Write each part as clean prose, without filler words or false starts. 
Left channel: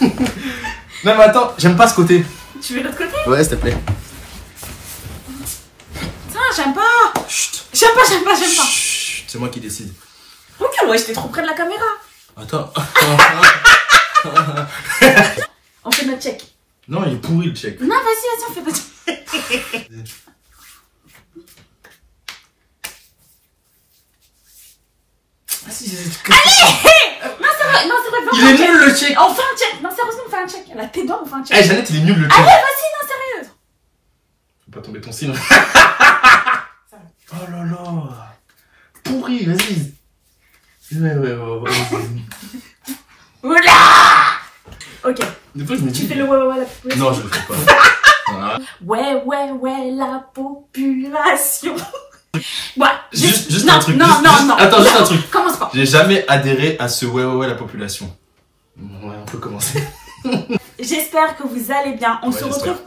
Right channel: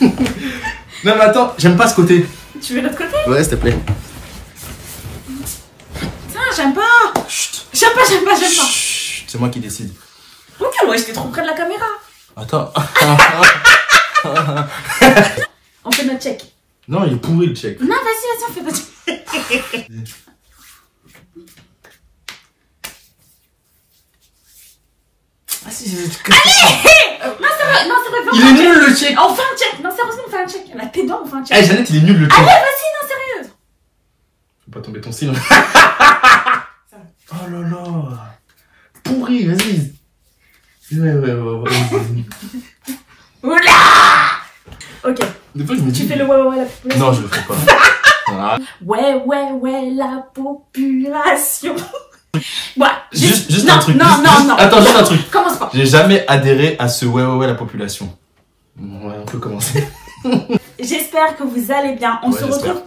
Non mais attends, j'aime pas ce côté. Tu veux l'autre côté? Ouais, s'il te plaît. Putain, j'aime pas. Chut. J'aime pas. Chut, c'est moi qui décide. Regarde, ouais, j'étais trop près de la caméra. Attends. On fait notre check. Non, il est pourri le check. Non, vas-y, on fait notre check. Allez! Non, c'est vrai. Il est nul le check. On fait un check. Non, sérieusement, on fait un check. La tes dents, on fait un check. Eh, Jeannette, il est nul le check. Allez, vas-y, non, sérieux. Faut pas tomber ton cil. Oh là là. Pourri, vas-y. Ouais. Oula. Ok. Des fois, je me dis. Tu fais le ouais, la population. Non, je le fais pas. Voilà. Ouais, la population. Ouais, Juste non, un truc. non. Attends, juste un truc. Commence pas. J'ai jamais adhéré à ce ouais, la population. Ouais, on peut commencer. J'espère que vous allez bien. On se retrouve.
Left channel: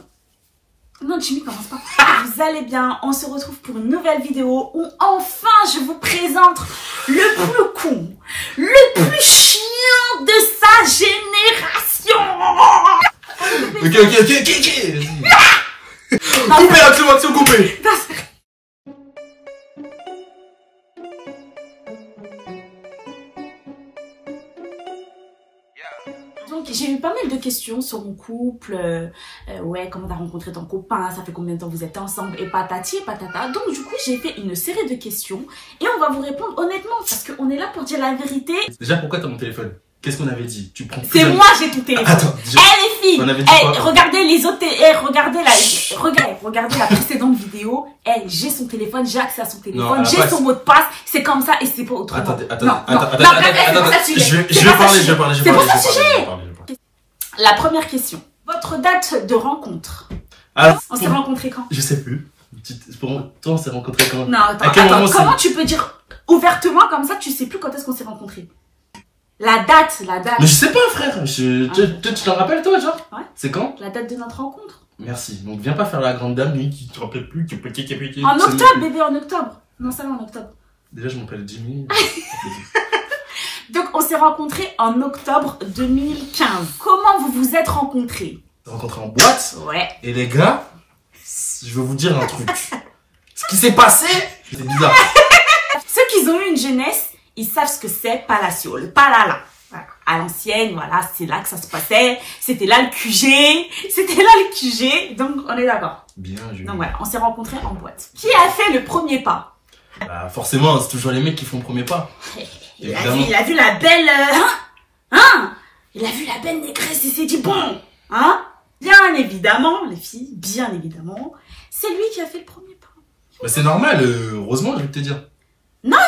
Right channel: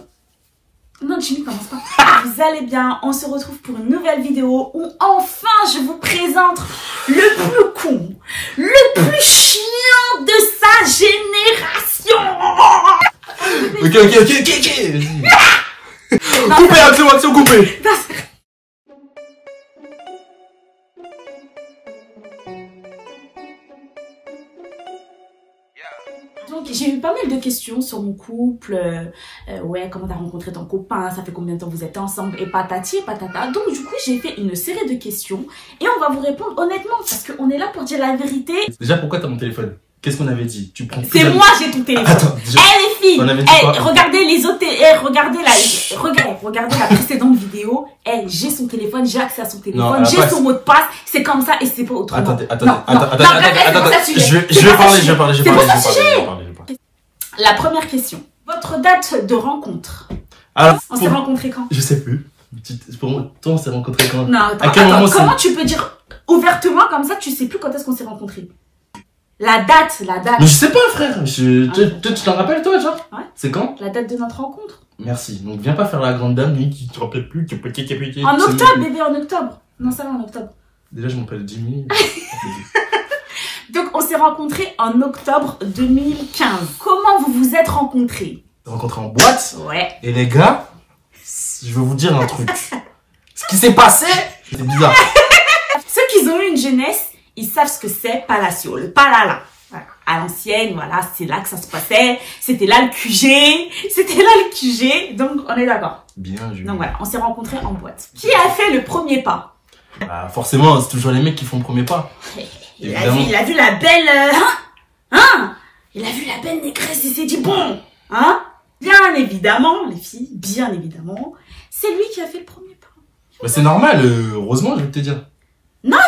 Non, Jimmy, commence pas. Vous allez bien. On se retrouve pour une nouvelle vidéo où enfin je vous présente le plus con, le plus chiant de sa génération. Ok. Coupez, action, coupez. Donc j'ai eu pas mal de questions sur mon couple, ouais, comment t'as rencontré ton copain, ça fait combien de temps vous êtes ensemble, et patati et patata. Donc du coup j'ai fait une série de questions et on va vous répondre honnêtement parce qu'on est là pour dire la vérité. Déjà, pourquoi t'as mon téléphone? Qu'est-ce qu'on avait dit? Tu prends. C'est moi j'ai ton téléphone. Attends, les filles, quoi regardez les autres, regardez la précédente vidéo. J'ai son téléphone, j'ai accès à son téléphone, j'ai son mot de passe. C'est comme ça et c'est pas autrement. Attends. Je vais parler. C'est pas ton sujet. La première question. Votre date de rencontre. Alors, on s'est rencontrés quand? Je sais plus. Pour moi, toi, on s'est rencontrés quand? Non, attends, comment tu peux dire ouvertement comme ça, tu sais plus quand est-ce qu'on s'est rencontrés? La date. Mais je sais pas, frère. Tu t'en rappelles, toi, genre? Ouais. C'est quand? La date de notre rencontre. Merci. Donc, viens pas faire la grande dame, lui, qui te rappelle plus, qui est petit. En octobre, bébé, en octobre. Non, ça va, en octobre. Déjà, je m'appelle Jimmy. Donc, on s'est rencontrés en octobre 2015. Comment vous vous êtes rencontrés? Rencontrés en boîte. Ouais. Et les gars, je vais vous dire un truc. Ce qui s'est passé, c'est bizarre. Ceux qui ont eu une jeunesse, ils savent ce que c'est Palacio, le palala. Voilà. À l'ancienne, voilà, c'est là que ça se passait. C'était là le QG. Donc, on est d'accord. Bien joué. Donc voilà, on s'est rencontrés en boîte. Qui a fait le premier pas? Bah, forcément, c'est toujours les mecs qui font le premier pas. Il a vu la belle... Il a vu la belle négresse, il s'est dit bon, hein? Bien évidemment, les filles, bien évidemment, c'est lui qui a fait le premier pas. Bah, c'est normal, heureusement, je vais te dire. Non,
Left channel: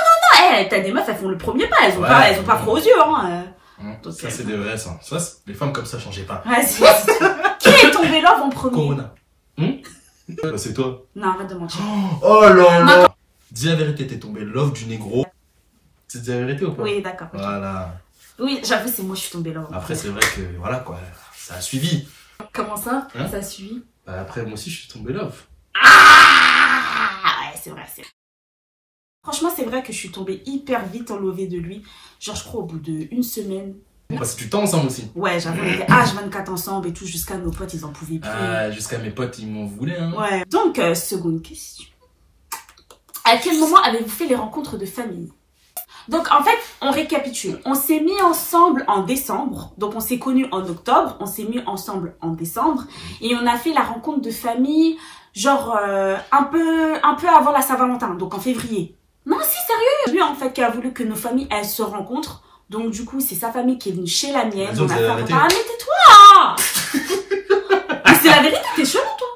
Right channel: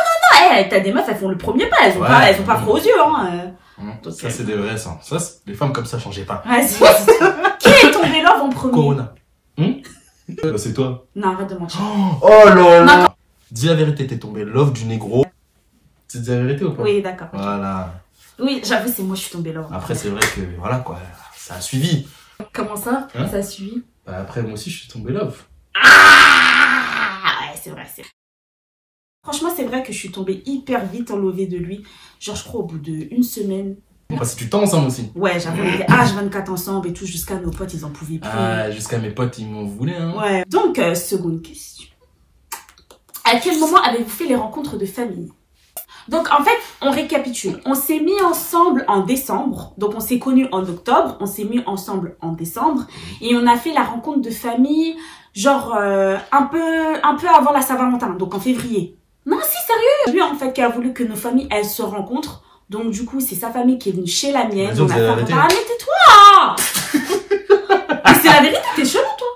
t'as des meufs, elles font le premier pas, elles ont pas froid aux yeux, hein. Donc, ça, c'est des vrais, ça. Les femmes comme ça, changez pas. Vas-y. Qui est tombé love en premier? Corona. Bah, c'est toi. Non, arrête de mentir. Oh là là. Dis la vérité, t'es tombé love du négro. Tu dis la vérité ou pas? Oui, d'accord. Okay. Voilà. Oui, j'avoue, c'est moi, je suis tombée love. Après, c'est vrai que, voilà, quoi, ça a suivi. Comment ça? Ça a suivi? Bah, après, moi aussi, je suis tombé love. Ouais, c'est vrai. Franchement, c'est vrai que je suis tombée hyper vite enlevée de lui. Genre, je crois, au bout d'une semaine. On passe du temps ensemble aussi. Ouais, j'avoue, on était H24 ensemble et tout, jusqu'à nos potes, ils en pouvaient plus. Jusqu'à mes potes, ils m'en voulaient, hein. Ouais. Donc, seconde question. À quel moment avez-vous fait les rencontres de famille? Donc, en fait, on récapitule. On s'est mis ensemble en décembre. Donc, on s'est connus en octobre. On s'est mis ensemble en décembre. Et on a fait la rencontre de famille, genre, un peu avant la Saint-Valentin. Donc, en février. Non, si, sérieux. Lui, en fait, qui a voulu que nos familles, elles se rencontrent. Donc, du coup, c'est sa famille qui est venue chez la mienne. On a fait un... Ah, mais tais-toi! Mais c'est la vérité, t'es chelou, toi.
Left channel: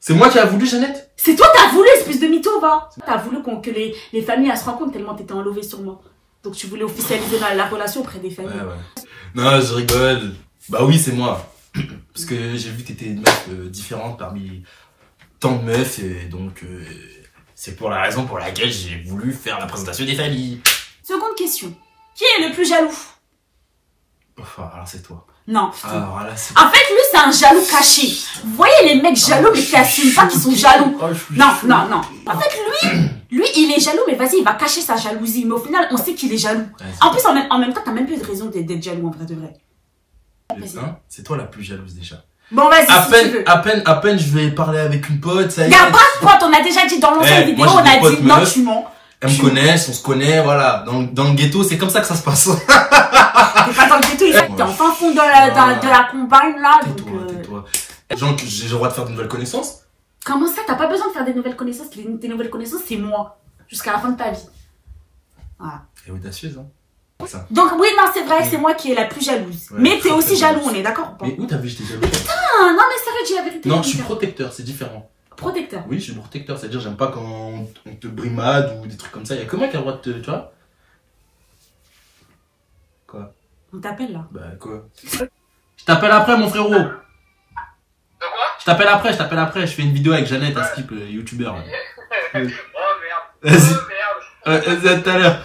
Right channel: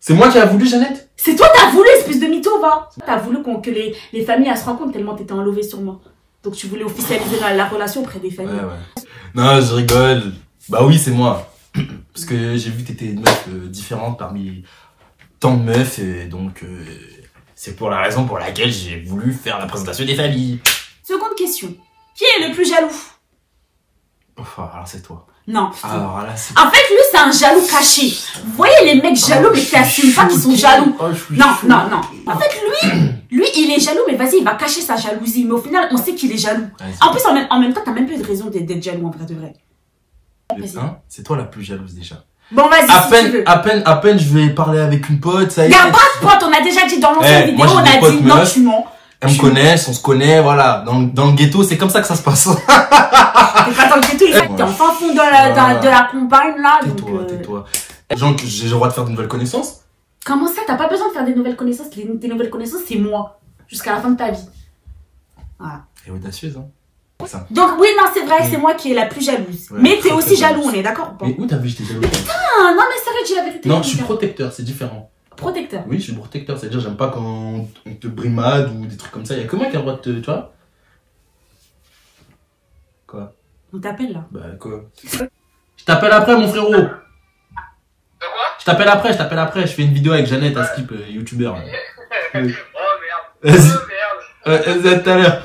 C'est moi qui a voulu, Jeannette? C'est toi, t'as voulu, espèce de mytho, va. T'as voulu que les familles, elles se rencontrent tellement t'étais enlevé sur moi. Donc, tu voulais officialiser la relation auprès des familles. Ouais. Non, je rigole. Bah oui, c'est moi. Parce que j'ai vu que t'étais une meuf différente parmi tant de meufs. Et donc, c'est pour la raison pour laquelle j'ai voulu faire la présentation des familles. Seconde question. Qui est le plus jaloux? Enfin, alors c'est toi. Non. Alors là, en fait, lui, c'est un jaloux caché. Vous voyez les mecs jaloux, mais qui assument pas qu'ils sont jaloux. Non. En fait, lui, il est jaloux, mais vas-y, il va cacher sa jalousie. Mais au final, on sait qu'il est jaloux. En plus, en même temps, t'as même plus de raison d'être jaloux, en vrai de vrai. Hein, c'est toi la plus jalouse déjà. Bon, vas-y, si tu veux. À peine, je vais parler avec une pote, ça y est. Y'a pas de pote, on a déjà dit dans l'ancienne vidéo, on a dit non, tu mens. Elles me connaissent, on se connaît, voilà. Dans le ghetto, c'est comme ça que ça se passe. T'es pas dans le ghetto, t'es en fin fond de la campagne, là. Tais-toi. Genre, j'ai le droit de faire de nouvelles connaissances. Comment ça, t'as pas besoin de faire des nouvelles connaissances? Tes nouvelles connaissances, c'est moi. Jusqu'à la fin de ta vie. Voilà. Et audacieuse, hein. Ça. Donc, oui, non, c'est vrai, c'est moi qui est la plus jalouse. Ouais, mais t'es aussi jaloux, on est d'accord ou pas? Mais où t'as vu que j'étais jaloux? Mais putain, non, mais c'est vrai, dis la vérité. Non, je suis protecteur, c'est différent. Protecteur? Oui, je suis protecteur, c'est-à-dire j'aime pas quand on te brimade ou des trucs comme ça. Y'a que moi qui a le droit de te... Tu vois? Quoi? On t'appelle là? Bah, quoi? Je t'appelle après, mon frérot. De quoi? Je t'appelle après. Je fais une vidéo avec Jeannette, un skip, youtubeur. Oh merde. Vas-y. Oh merde. À tout à l'heure.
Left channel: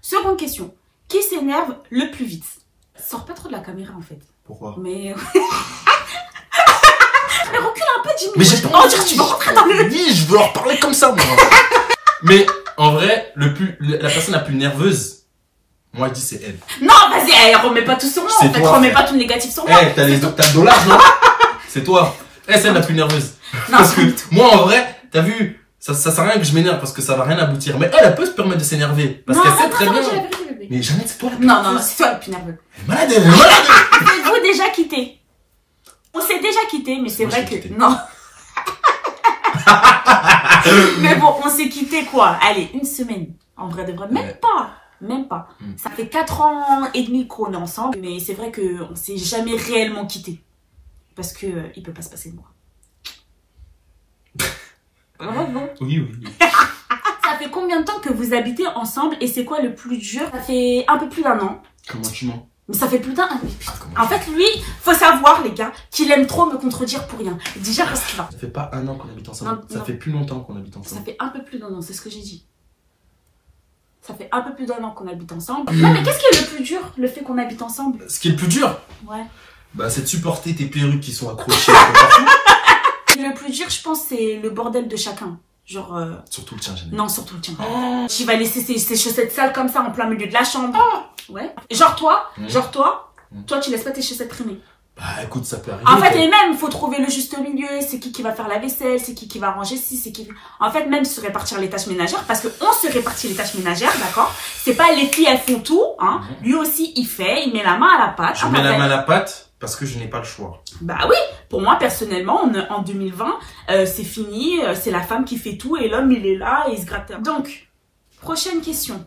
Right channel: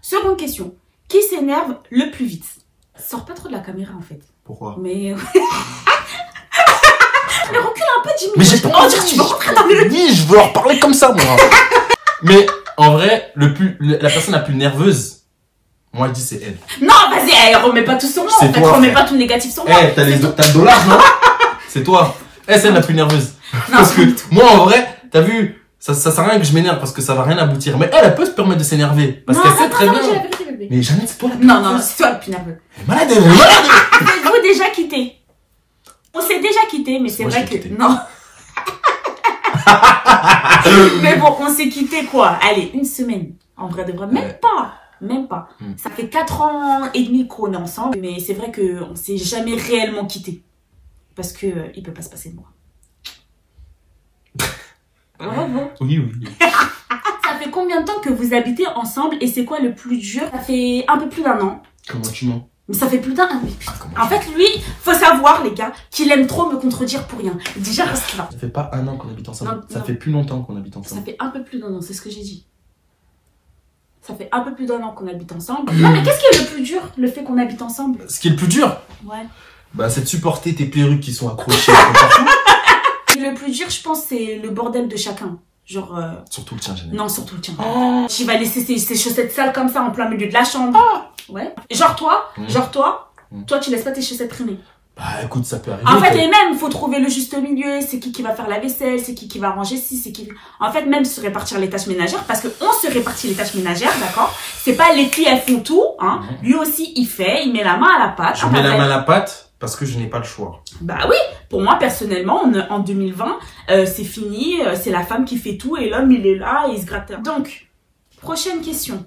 Seconde question. Qui s'énerve le plus vite? Sors pas trop de la caméra en fait. Pourquoi? Mais... Mais recule un peu, Jimmy. Mais j'ai pas envie. Tu veux rentrer dans le... Oui, je veux leur parler comme ça, moi. Mais en vrai, la personne la plus nerveuse, moi je dis c'est elle. Non, vas-y, remets pas tout sur moi. En fait, remets pas tout le négatif sur moi. T'as le dollar, non? C'est toi. C'est elle la plus nerveuse. Non, parce que moi, en vrai, t'as vu, ça sert à rien que je m'énerve parce que ça va rien aboutir. Mais elle peut se permettre de s'énerver. Parce qu'elle fait très bien. Mais Jeannette, c'est toi la plus nerveuse. Non, c'est toi le plus nerveux. Malade, elle est malade. Êtes-vous déjà quitté? On s'est déjà quitté, mais c'est vrai que... Quitté. Non. Mais bon, on s'est quitté quoi? Allez, une semaine. En vrai de vrai, même pas. Ça fait 4 ans et demi qu'on est ensemble, mais c'est vrai qu'on s'est jamais réellement quitté. Parce que il peut pas se passer de moi. Bravo. Oui. Ça fait combien de temps que vous habitez ensemble et c'est quoi le plus dur? Ça fait un peu plus d'1 an. Comment tu mens? Mais ça fait plus d'1 an. En fait, lui, faut savoir, les gars, qu'il aime trop me contredire pour rien. Déjà, parce qu'il va. Ça fait pas 1 an qu'on habite ensemble. Ça fait plus longtemps qu'on habite ensemble. Ça fait un peu plus d'1 an, c'est ce que j'ai dit. Ça fait un peu plus d'1 an qu'on habite ensemble. Non, mais qu'est-ce qui est le plus dur, le fait qu'on habite ensemble? Ce qui est le plus dur? Ouais. Bah, c'est de supporter tes perruques qui sont accrochées partout. Le plus dur, je pense, c'est le bordel de chacun. Genre... Surtout le tien, Jeannette. Non, surtout le tien. Oh. J'y vais laisser ses chaussettes sales comme ça en plein milieu de la chambre. Oh. Ouais. Genre toi, toi, tu laisses pas tes chaussettes traîner. Bah écoute, ça peut arriver. En fait, et même, faut trouver le juste milieu. C'est qui va faire la vaisselle, c'est qui va ranger ci, c'est qui... En fait, même se répartir les tâches ménagères, parce que on se répartit les tâches ménagères, d'accord? C'est pas les filles, elles font tout, hein. Lui aussi, il fait, il met la main à la pâte. Je mets la main à la pâte parce que je n'ai pas le choix. Bah oui, pour moi, personnellement, en 2020, c'est fini, c'est la femme qui fait tout et l'homme, il est là et il se gratte. Donc, prochaine question.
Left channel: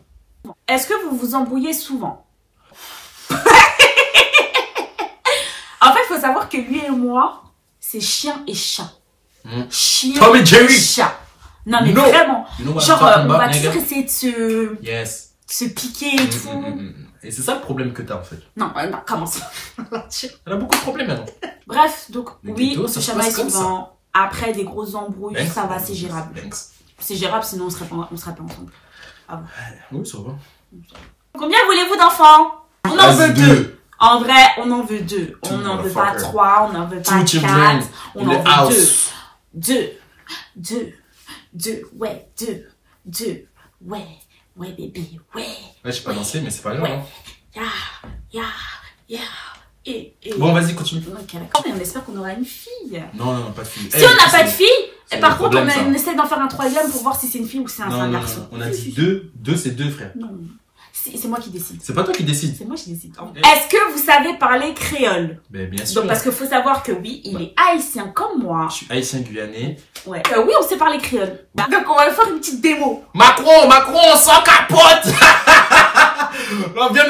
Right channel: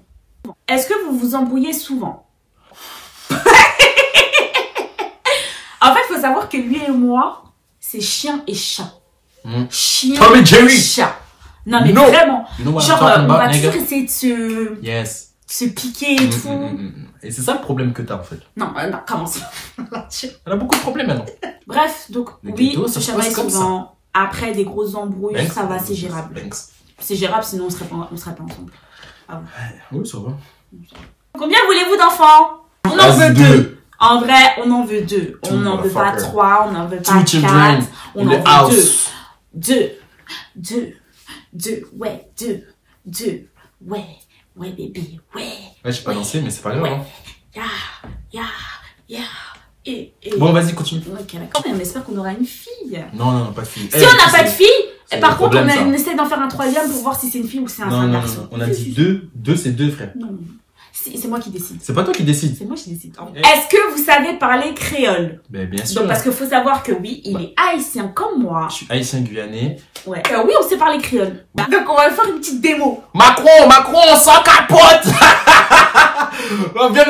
Est-ce que vous vous embrouillez souvent? En fait, il faut savoir que lui et moi, c'est chien et chat. Chien et chat. Non, mais vraiment. Genre, on va toujours essayer de se piquer et tout. Et c'est ça le problème que t'as, en fait. Non, comment ça? Elle a beaucoup de problèmes, maintenant. Bref, donc, oui, on se chamaille souvent. Après des grosses embrouilles, ça va, c'est gérable. C'est gérable, sinon on serait pas ensemble. Ah bon. Oui, ça va. Combien voulez-vous d'enfants? On en veut 2. En vrai, on en veut 2. On n'en veut pas 3, on n'en veut pas 4. On en veut 2. 2. Ouais, 2. Ouais, bébé, ouais. Ouais, j'ai pas dansé, mais c'est pas grave. Bon, vas-y, continue. Ok, d'accord. On espère qu'on aura une fille. Non, pas de fille. Si on n'a pas de fille, par contre, on essaie d'en faire un 3e pour voir si c'est une fille ou c'est un garçon. On a dit 2. 2, c'est 2 frères. Non. C'est moi qui décide. C'est pas toi qui décide. C'est moi qui décide. Est-ce que vous savez parler créole? Ben, bien sûr. Donc, parce qu'il faut savoir que oui, il est haïtien comme moi. Je suis haïtien guyanais. Ouais. Oui, on sait parler créole. Donc, on va faire une petite démo. Macron, sans capote. Viens.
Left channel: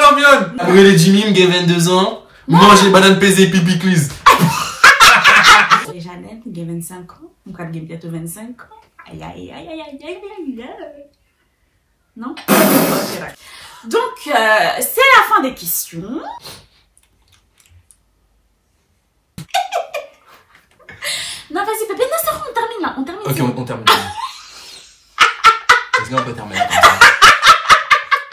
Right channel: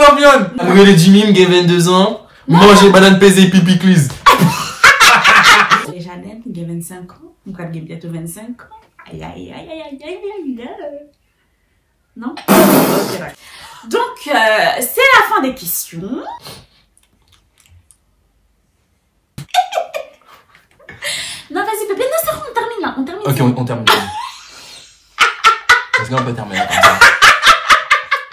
Arrivé Jimmy, j'ai 22 ans. Manger banane pesée, pipi clis. Et Jeannette, j'ai 25 ans. Mon frère, j'ai bientôt 25 ans. Aïe. Non? Ok, d'accord. Donc, c'est la fin des questions. Non, vas-y, bébé. Non, ça, on termine là. On termine. Ok, on termine. Vas-y, on peut terminer.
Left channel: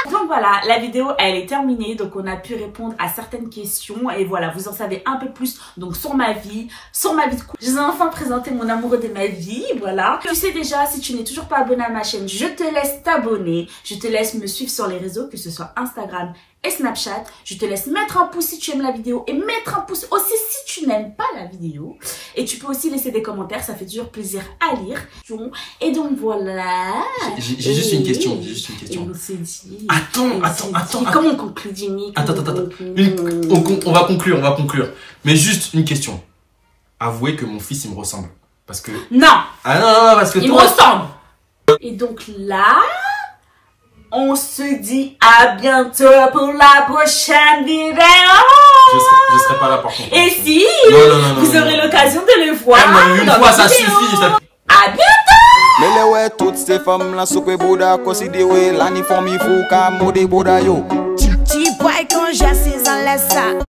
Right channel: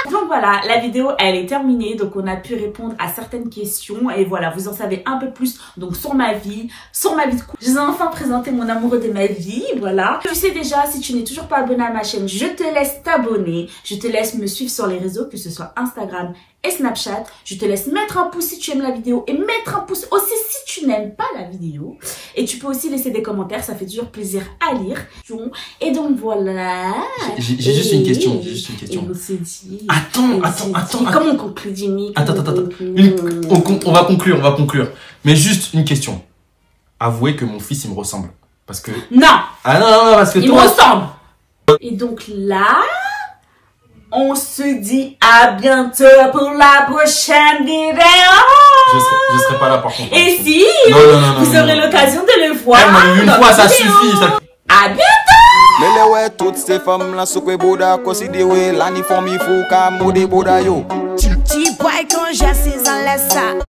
Donc voilà, la vidéo, elle est terminée. Donc, on a pu répondre à certaines questions. Et voilà, vous en savez un peu plus donc sur ma vie de couple. Je vous ai enfin présenté mon amoureux de ma vie. Voilà. Tu sais déjà, si tu n'es toujours pas abonné à ma chaîne, je te laisse t'abonner. Je te laisse me suivre sur les réseaux, que ce soit Instagram et Snapchat. Je te laisse mettre un pouce si tu aimes la vidéo et mettre un pouce aussi si tu n'aimes pas la vidéo. Et tu peux aussi laisser des commentaires, ça fait toujours plaisir à lire. Et donc voilà. J'ai juste une question. Et on s'est dit. Attends. Comment on conclut, Jimmy? Attends. On va conclure. Mais juste une question. Avouez que mon fils, il me ressemble. Parce que... Non. Ah non, parce que il me ressemble. Et donc là... On se dit à bientôt pour la prochaine vidéo. Je serai pas là par contre. Et si vous aurez l'occasion de le voir une fois, ça suffit. À bientôt. Mais ouais, toutes ces femmes là, sous quoi boda, considérez l'aniforme, il faut qu'à mode boda yo. Petit boy quand j'ai 6 ans, laisse ça.